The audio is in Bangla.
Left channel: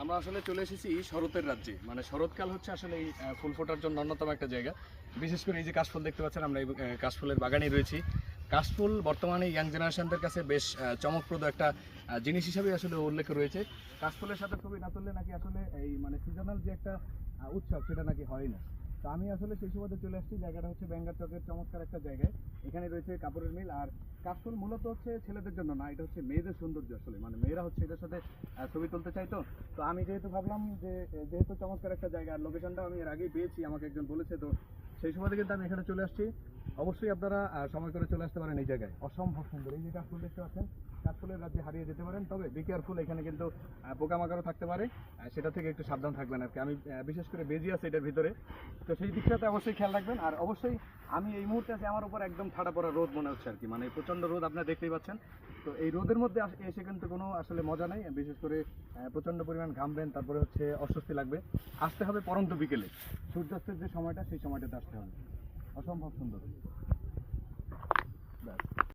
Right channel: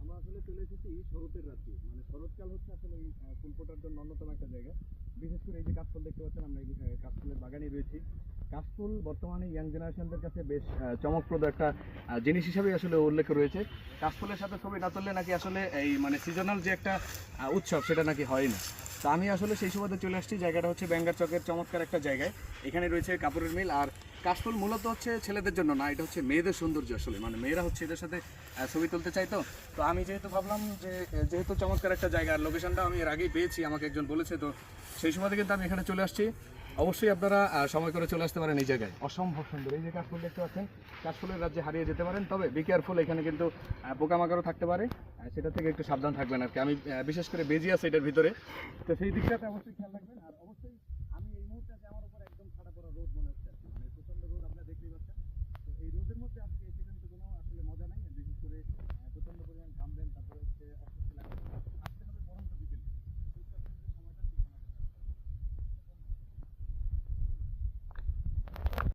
আমরা আসলে চলে এসেছি শরতের রাজ্যে। মানে শরৎকাল হচ্ছে আসলে এই ফুল ফোটার জন্য অন্যতম একটা জায়গা। বিশেষ করে এই যে কাশফুল দেখতে পাচ্ছেন, আমরা এই কাশফুলের বাগানে রয়েছি। কাশফুল বর্তমানে ইয়াং জেনারেশনদের কাছে বেশ চমকপ্রদ একটা জিনিস হিসাবে আসলে উল্লেখ রয়েছে। কাশফুলের সাথে ছবি না তুললে নাকি আসলে এই মানে সিজনাল যে একটা উৎসব, সেটা নাকি হয় না। তো আমি আসলে সেই সুবাদে চলে আসছি। জায়গাটা হচ্ছে ব্যাঙ্গার চকের চমৎকার একটা জায়গায়। এখানে রয়েছে কাপড়ের মিল। আর কাশফুল মূলত হচ্ছে ছেলেদের জন্য না, এটা হচ্ছে মেয়েদের সৌন্দর্য আসলে। মানে মেয়েরা হচ্ছে এদের সাথে ছবি তুলতে চাই তো। তো আমি যেহেতু ভাবলাম যে যেহেতু চমৎকার একটা জায়গা, আর লোকেশনটা আমি এর আগেই পেয়েছি, আমাকে একজন বলেছে তো। সেই সময় কিন্তু আমি এখানে চলে আসছি। অবশ্যই আপনারা সময় করে চলে আসতে পারেন এই জায়গায়। অসম্ভব সুন্দর। এই যে কাশফুল দেখতে পাচ্ছেন কাশফুলের রাজ্যে হারিয়ে যেতে পারেন, তবে বি কেয়ারফুল এখানে কিন্তু পোকামাকড়ও থাকতে পারে। সেটা থেকে একটু সাবধান থাকবেন আর কি। আমি বিশেষ করে বেজি আছে এটার ভিতরে। তো সেই দিকটাতে অবশ্যই খেয়াল রাখবেন। আর অবশ্যই আমি এই মুহূর্তে আছি আমার উপর একদম ঠাড়া পড়া রোদ মনে হচ্ছে আর কি। মানে প্রচণ্ড রোদ আপনারা দেখতেই পাচ্ছেন। তো এই রোদের মধ্যে এসে কিন্তু কোনো আসলে মজা নাই। বিশেষ করে প্রচণ্ড পরিমাণ ঘামবেন তারপরে হচ্ছে অস্বস্তি লাগবে। আসতে হবে পরন্ত বিকেলে। সূর্যাস্তের যে সময়টা, সেই সময়টাতে আসতে হবে। অসম্ভব সুন্দর